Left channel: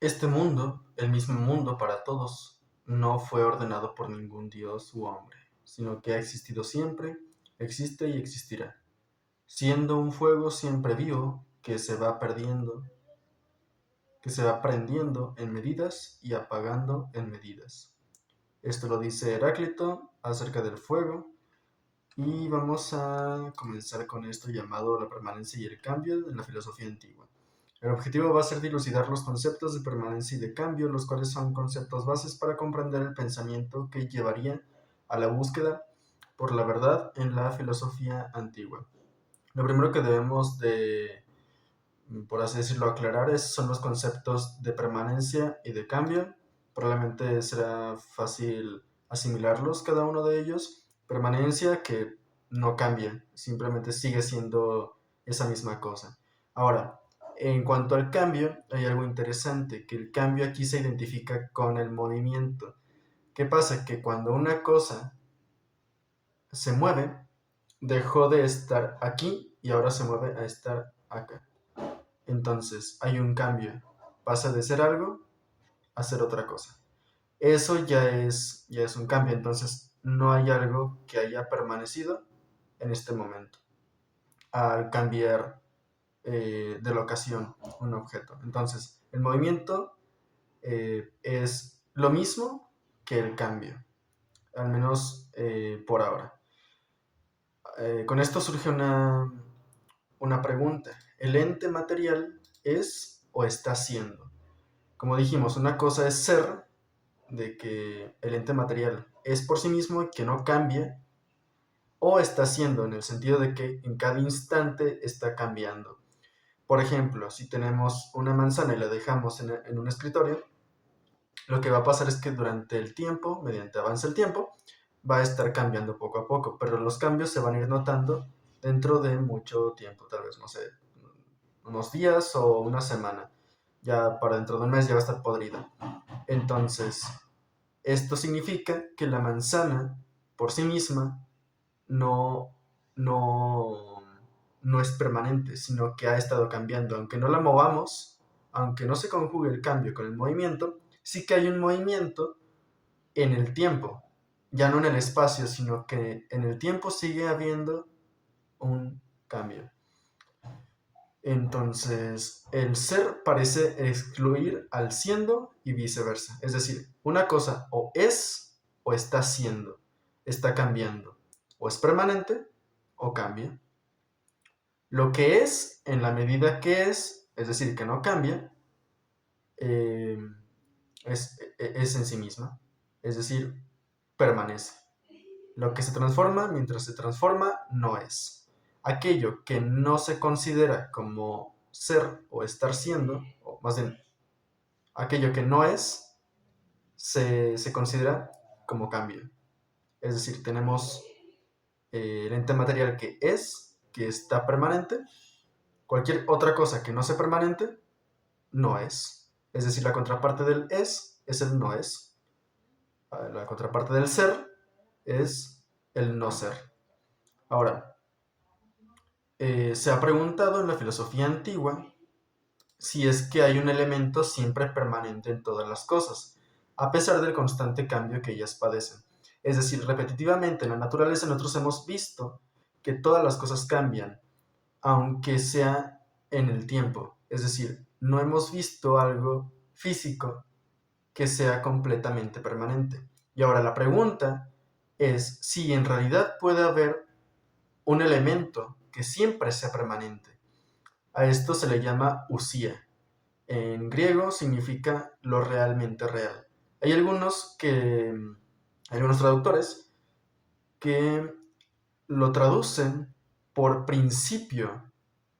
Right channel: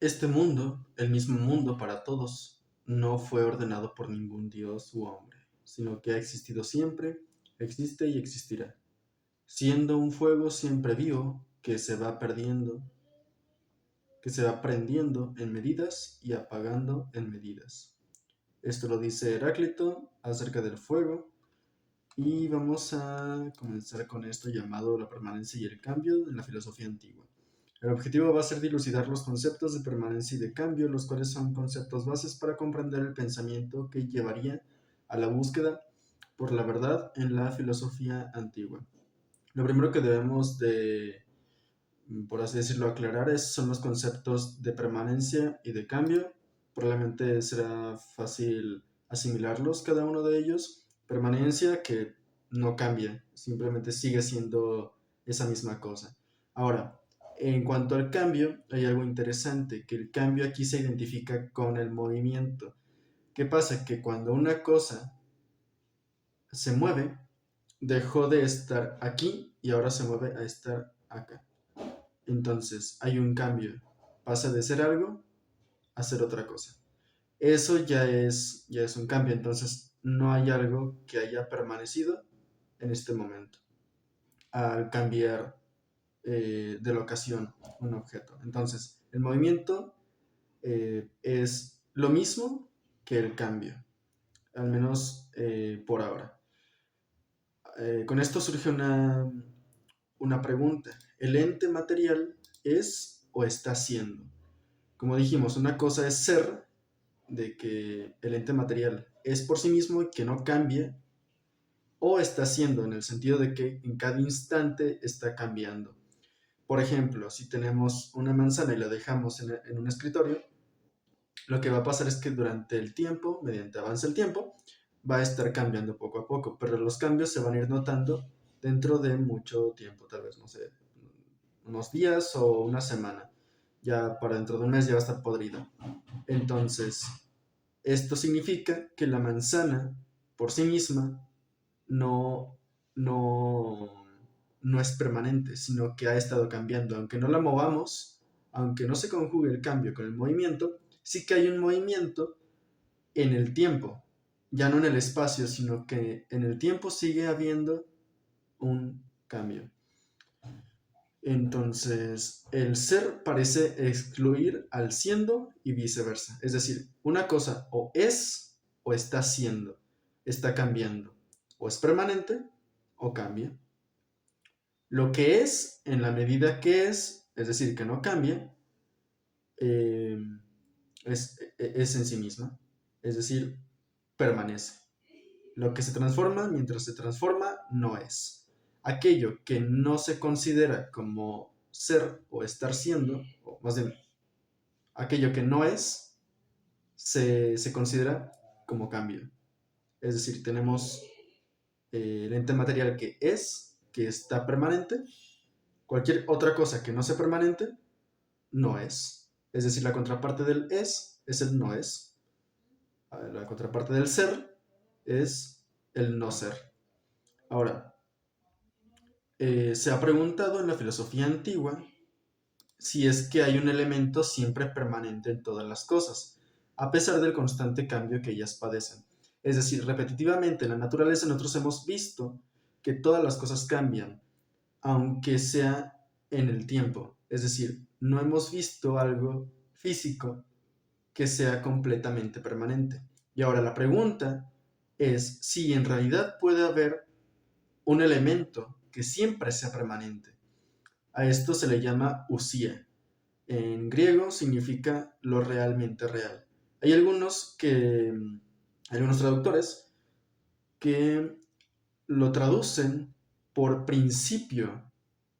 Este mundo, el mismo mundo para todos, no fue ordenado por ningún dios u hombre, sino que ha existido siempre, existe y existirá, siendo un fuego siempre vivo que se va prendiendo en medidas y apagando en medidas. Esto lo dice Heráclito acerca del fuego y vamos a comenzar con esto llamado la permanencia y el cambio en la filosofía antigua. El objetivo va a ser dilucidar los conceptos de permanencia y de cambio, los cuales son conceptos bases para comprender el pensamiento que llevaría a la búsqueda por la verdad en la filosofía antigua. Lo primero que debemos de, por así decirlo, aclarar son los conceptos de permanencia y de cambio. Probablemente será fácil asimilarlos cada uno de ellos. Permanencia que no cambia, simplemente sigue siendo esa misma cosa. Ahora, en cuanto al cambio, hay algo interesante, que el cambio aquí se identifica con el movimiento. ¿Qué pasa? Que cuando una cosa se mueve, dejó de estar aquí y ahora se mueve a estar acá. Entonces hay un cambio, pasa de ser algo a ser otra cosa. Eso ya es un cambio, entonces no hay algo que haya permanecido en este momento al cambiar de locación un objeto. Entonces el movimiento es lo mismo que el cambio, al menos por ahora. Con esto surge una pregunta. ¿El ente material es o está siendo? Como dijimos, una cosa es ser, de que el ente material es por sí mismo y que no cambia, o está siendo, en el sentido de que en cada instante está cambiando. Por ejemplo, si tenemos una manzana y la dejamos en un escritorio, lo que va a pasar es que durante el tiempo, mediante avance el tiempo, va a estar cambiando poco a poco, pero los cambios se van a ir notando dentro de mucho tiempo, tal vez, no sé, unos días o una semana. Ya para dentro de un mes ya va a estar podrida. Entonces, esto significa que la manzana por sí misma no, no, no es permanente, sino que ha estado cambiando. Aunque no la movamos, aunque no se conjugue el cambio con el movimiento, sí que hay un movimiento en el tiempo, ya no en el espacio, sino que en el tiempo sigue habiendo un cambio. Entonces, el ser parece excluir al siendo y viceversa. Es decir, una cosa o es o está siendo, está cambiando. O es permanente o cambia. Lo que es, en la medida que es decir, que no cambia, eh, es en sí misma. Es decir, permanece. Lo que se transforma, mientras se transforma, no es. Aquello que no se considera como ser o estar siendo, o más bien, aquello que no es, se considera como cambio. Es decir, tenemos el ente material que está permanente. Cualquier otra cosa que no sea permanente, no es. Es decir, la contraparte del es el no es. La contraparte del ser es el no ser. Ahora, se ha preguntado en la filosofía antigua si es que hay un elemento siempre permanente en todas las cosas, a pesar del constante cambio que ellas padecen. Es decir, repetitivamente en la naturaleza nosotros hemos visto que todas las cosas cambian, aunque sea en el tiempo. Es decir, no hemos visto algo físico que sea completamente permanente. Y ahora la pregunta es si en realidad puede haber un elemento que siempre sea permanente. A esto se le llama usía. En griego significa lo realmente real. Hay algunos traductores que lo traducen por principio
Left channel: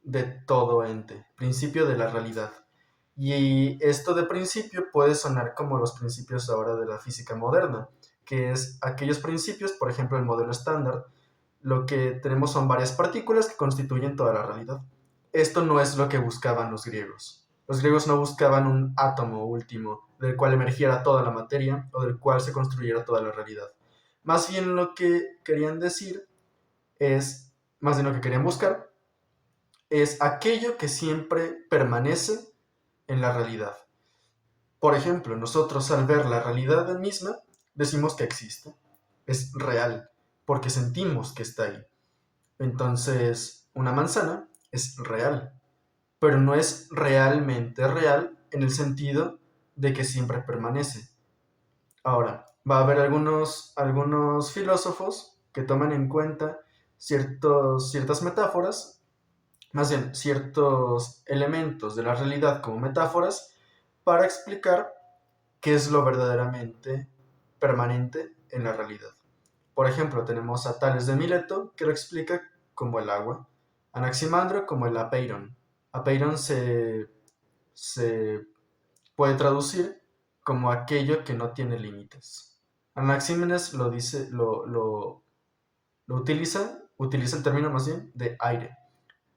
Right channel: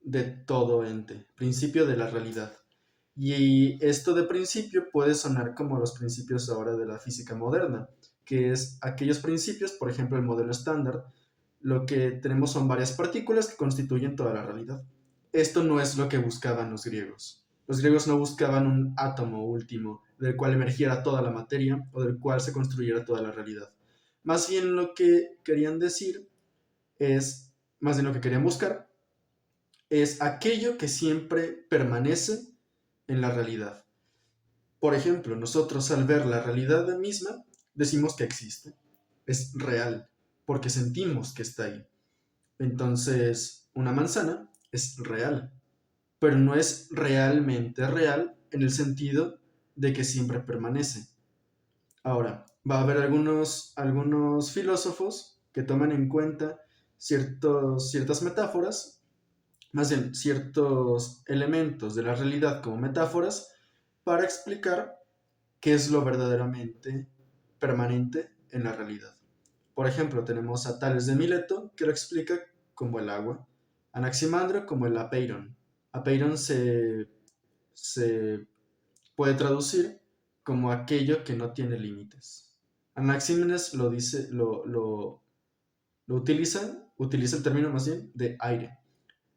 de todo ente, principio de la realidad. Y esto de principio puede sonar como los principios ahora de la física moderna, que es aquellos principios, por ejemplo, el modelo estándar, lo que tenemos son varias partículas que constituyen toda la realidad. Esto no es lo que buscaban los griegos. Los griegos no buscaban un átomo último del cual emergiera toda la materia o del cual se construyera toda la realidad. Más bien lo que querían decir es, más bien lo que querían buscar, es aquello que siempre permanece en la realidad. Por ejemplo, nosotros al ver la realidad misma, decimos que existe, es real, porque sentimos que está ahí. Entonces, una manzana es real, pero no es realmente real en el sentido de que siempre permanece. Ahora, va a haber algunos filósofos que toman en cuenta ciertas metáforas, más bien ciertos elementos de la realidad como metáforas, para explicar qué es lo verdaderamente permanente en la realidad. Por ejemplo, tenemos a Tales de Mileto, que lo explica como el agua, Anaximandro como el apeiron. Apeiron se puede traducir como aquello que no tiene límites. Anaxímenes lo dice, lo utiliza el término más bien de aire.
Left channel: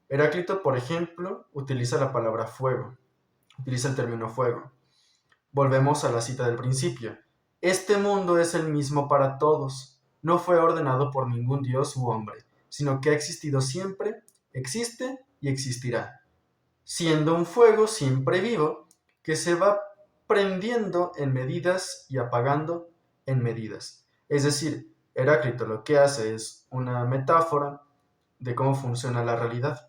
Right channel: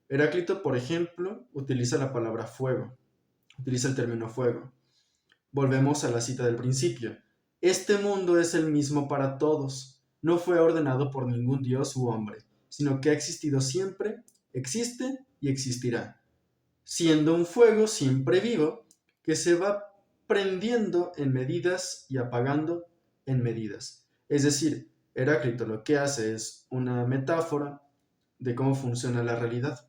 Heráclito, por ejemplo, utiliza la palabra fuego, utiliza el término fuego. Volvemos a la cita del principio. Este mundo es el mismo para todos. No fue ordenado por ningún dios u hombre, sino que ha existido siempre, existe y existirá, siendo un fuego siempre vivo que se va prendiendo en medidas y apagando en medidas. Es decir, Heráclito lo que hace es una metáfora de cómo funciona la realidad.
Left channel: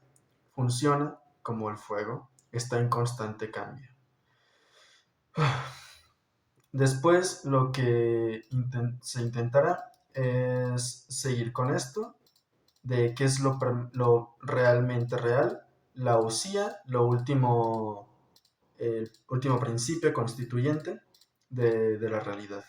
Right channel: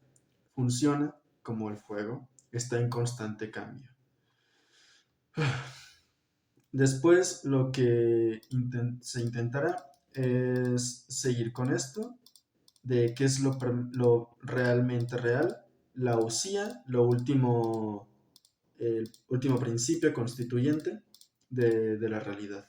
Funciona como el fuego, está en constante cambio. Después lo que se intentará es seguir con esto de qué es lo realmente real, la usía, el último principio constituyente de la realidad.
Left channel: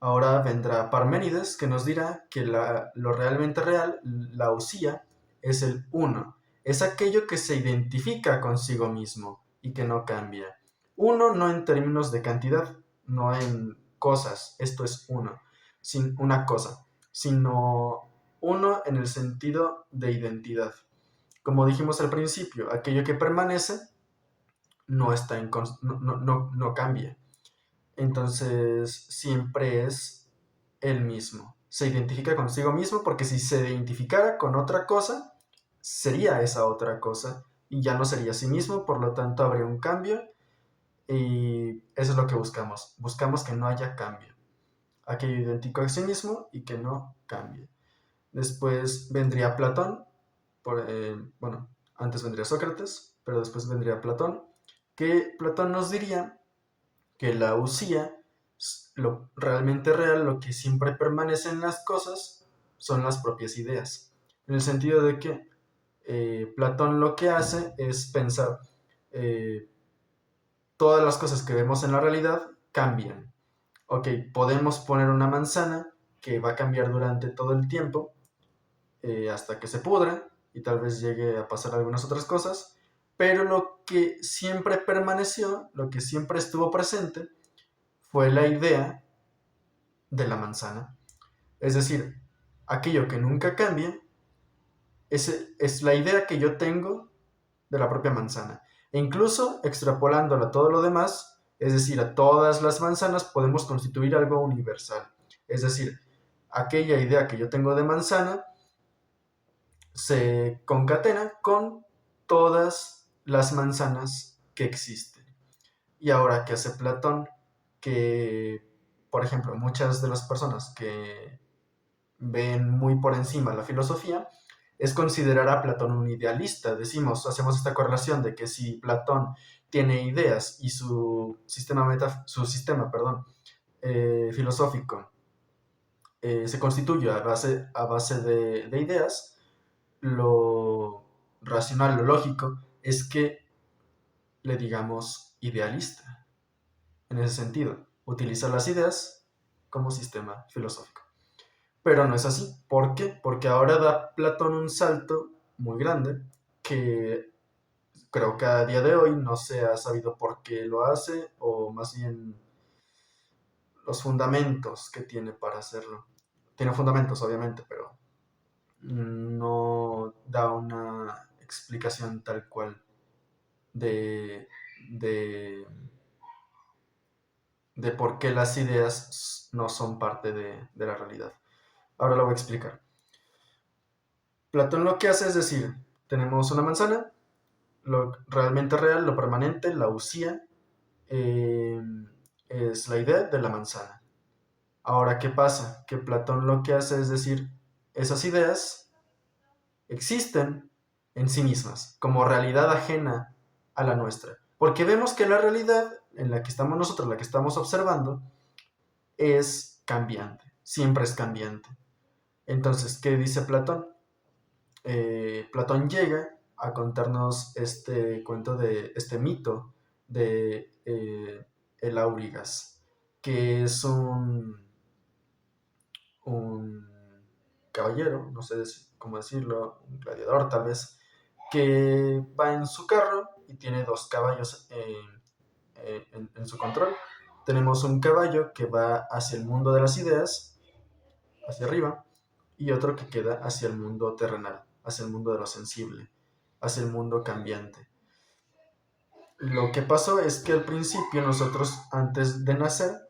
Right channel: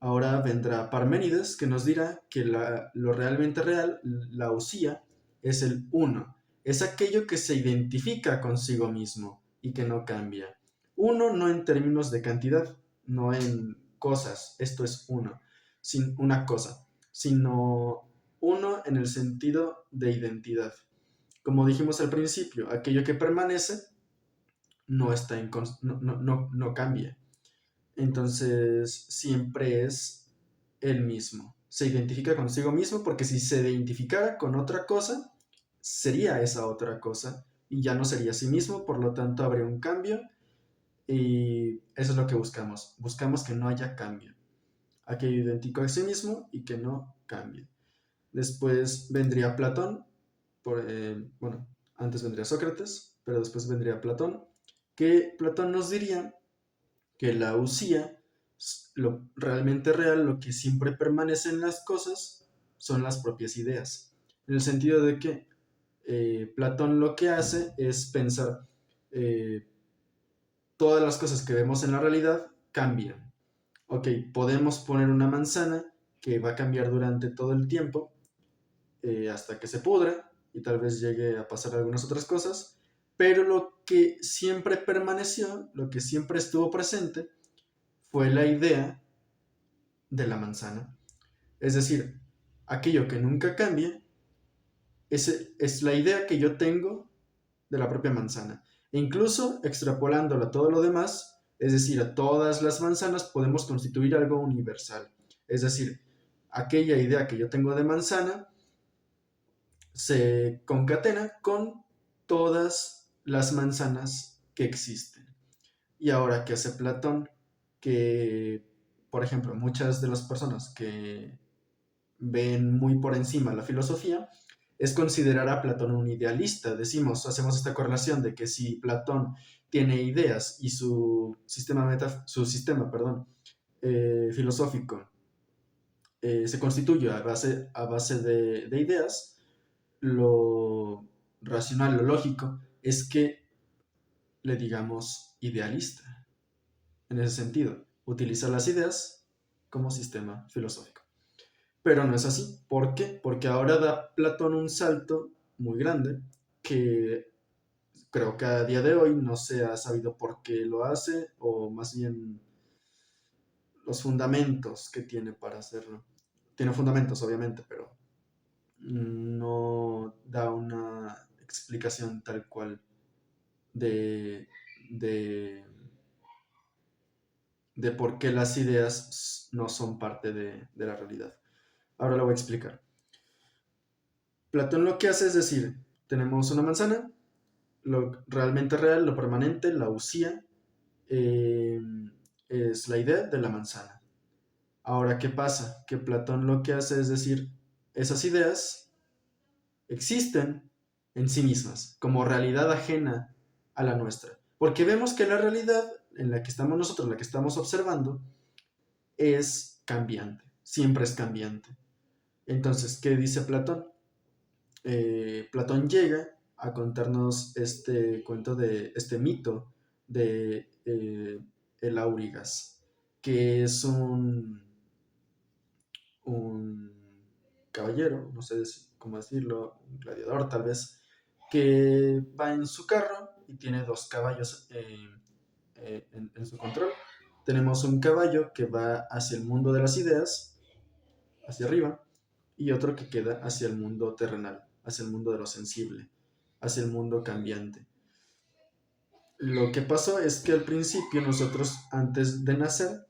Ahora vendrá Parménides que nos dirá que lo realmente real, la usía, es el uno. Es aquello que se identifica consigo mismo y que no cambia. Uno no en términos de cantidad, no en cosas, esto es uno, sin una cosa, sino uno en el sentido de identidad. Como dijimos al principio, aquello que permanece no, está no cambia. Entonces siempre es el mismo. Se identifica consigo mismo porque si se identificara con otra cosa, sería esa otra cosa y ya no sería sí mismo, por lo tanto habría un cambio y eso es lo que buscamos. Buscamos que no haya cambio. Aquello idéntico a sí mismo y que no cambie. Después vendría Platón, bueno, antes vendría Sócrates, pero después vendría Platón, que Platón nos diría que la usía, lo realmente real, lo que siempre permanece en las cosas, son las propias ideas. En el sentido de que Platón lo que hace es pensar, eh, todas las cosas que vemos en la realidad cambian. Ok, podemos poner una manzana que va a cambiar durante todo el tiempo, hasta que se pudra y tal vez llegue a pasar algunas otras cosas, pero lo que siempre permaneció, lo que siempre estuvo presente, fue la idea de la manzana. Es decir, aquello que nunca cambia es la idea que yo tengo de la propia manzana. E incluso extrapolándolo a todo lo demás, es decir, a todas las manzanas, podemos constituir algo universal. Es decir, aquella idea que yo tengo de manzana se concatena con todas las manzanas que existen. Y ahora, ¿qué hace Platón? Que, por ejemplo, muchas de las personas que ven muy por encima la filosofía es considerar a Platón un idealista. Hacemos esta correlación de que si Platón tiene ideas y su sistema filosófico se constituye a base de ideas, lo racional, lo lógico, es que le digamos idealista. En ese sentido, utiliza las ideas como sistema filosófico. Pero no es así. ¿Por qué? Porque ahora da Platón un salto muy grande que creo que a día de hoy no se ha sabido por qué lo hace o más bien los fundamentos que tiene para hacerlo. Tiene fundamentos, obviamente, pero no da una explicación tal cual de, de, de por qué las ideas no son parte de la realidad. Ahora lo voy a explicar. Platón lo que hace es decir, tenemos una manzana, lo realmente real, lo permanente, la usía, es la idea de la manzana. Ahora, ¿qué pasa? Que Platón lo que hace es decir, esas ideas existen en sí mismas, como realidad ajena a la nuestra. Porque vemos que la realidad en la que estamos nosotros, la que estamos observando, es cambiante, siempre es cambiante. Entonces, ¿qué dice Platón? Platón llega a contarnos este cuento de este mito de el Aurigas, que es un caballero, no sé cómo decirlo, un gladiador tal vez, que va en su carro y tiene dos caballos en su control. Tenemos un caballo que va hacia el mundo de las ideas, hacia arriba, y otro que queda hacia el mundo terrenal, hacia el mundo de lo sensible, hacia el mundo cambiante. Lo que pasó es que al principio nosotros, antes de nacer,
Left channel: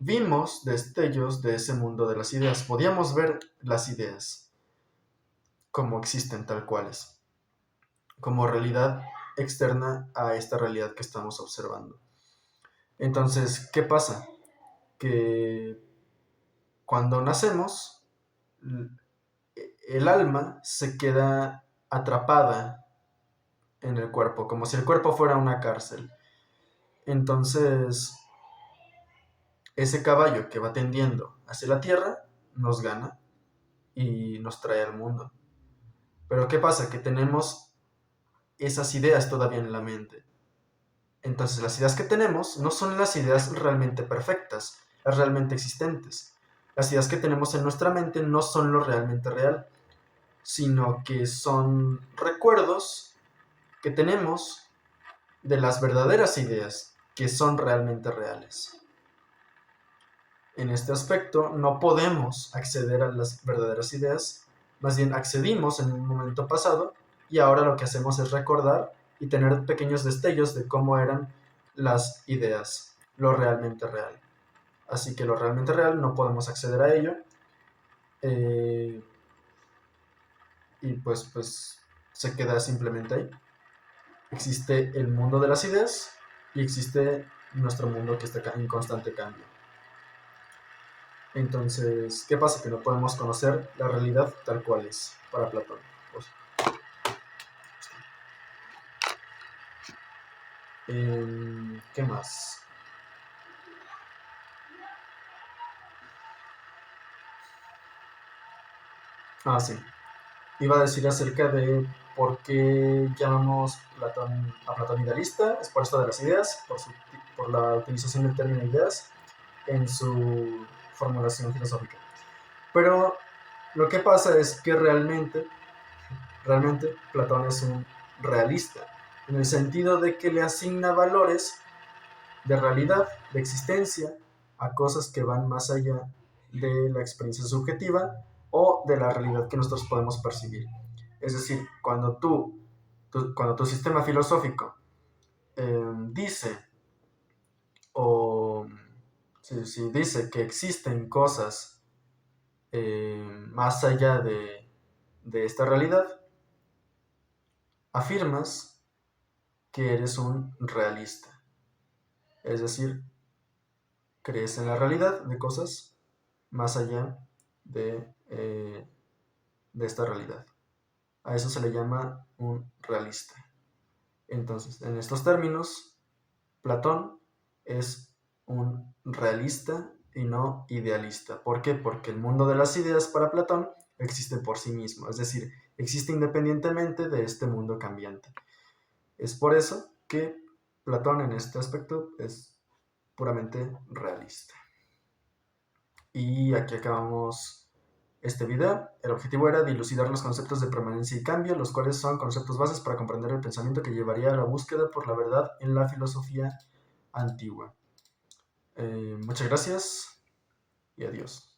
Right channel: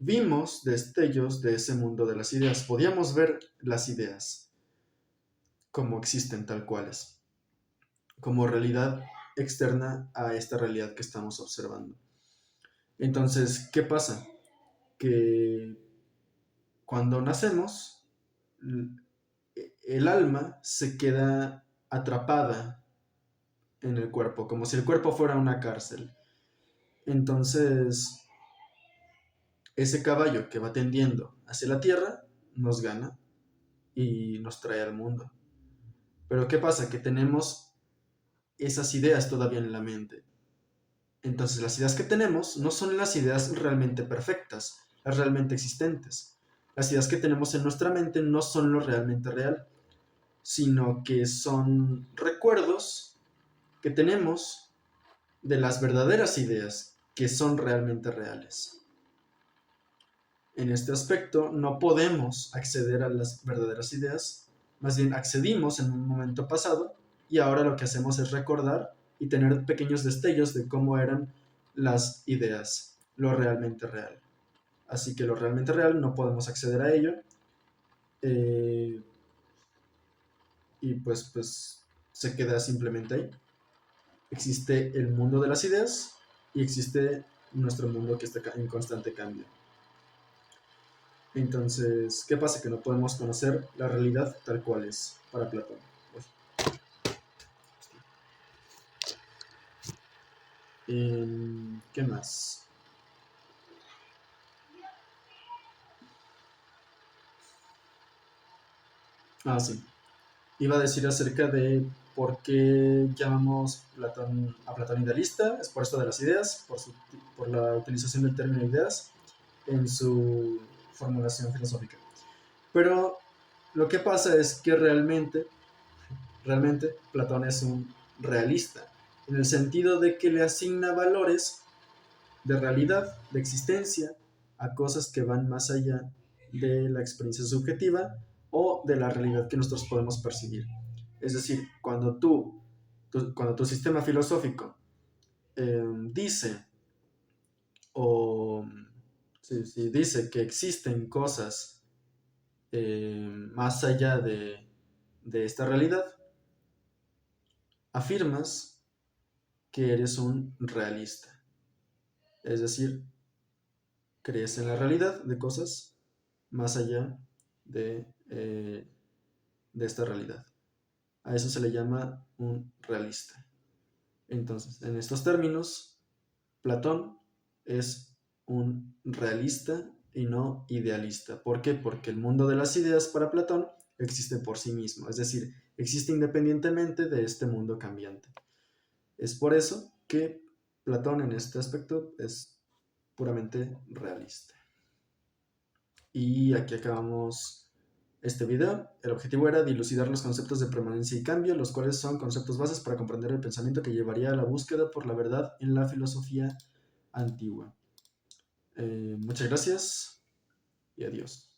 vimos destellos de ese mundo de las ideas. Podíamos ver las ideas como existen tal cuales, como realidad externa a esta realidad que estamos observando. Entonces, ¿qué pasa? Que cuando nacemos, el alma se queda atrapada en el cuerpo, como si el cuerpo fuera una cárcel. Entonces, ese caballo que va tendiendo hacia la tierra nos gana y nos trae al mundo. Pero ¿qué pasa? Que tenemos esas ideas todavía en la mente. Entonces, las ideas que tenemos no son las ideas realmente perfectas, las realmente existentes. Las ideas que tenemos en nuestra mente no son lo realmente real, sino que son recuerdos que tenemos de las verdaderas ideas que son realmente reales. En este aspecto no podemos acceder a las verdaderas ideas, más bien accedimos en un momento pasado y ahora lo que hacemos es recordar y tener pequeños destellos de cómo eran las ideas, lo realmente real. Así que lo realmente real no podemos acceder a ello y pues se queda simplemente ahí. Existe el mundo de las ideas y existe nuestro mundo que está en constante cambio. Entonces, ¿qué pasa? Que no podemos conocer la realidad tal cual es para Platón. Pues, ¿qué más? Ah, sí. Iba a decir acerca de por qué llamamos a Platón idealista. Es por esto de las ideas, por la utilización del término ideas en su formulación filosófica. Pero lo que pasa es que realmente Platón es un realista, en el sentido de que le asigna valores de realidad, de existencia, a cosas que van más allá de la experiencia subjetiva o de la realidad que nosotros podemos percibir. Es decir, cuando cuando tu sistema filosófico dice o si dice que existen cosas más allá de esta realidad, afirmas que eres un realista. Es decir, crees en la realidad de cosas más allá de esta realidad. A eso se le llama un realista. Entonces, en estos términos, Platón es un realista y no idealista. ¿Por qué? Porque el mundo de las ideas para Platón existe por sí mismo, es decir, existe independientemente de este mundo cambiante. Es por eso que Platón en este aspecto es puramente realista. Y aquí acabamos este video. El objetivo era dilucidar los conceptos de permanencia y cambio, los cuales son conceptos bases para comprender el pensamiento que llevaría a la búsqueda por la verdad en la filosofía antigua. Muchas gracias y adiós.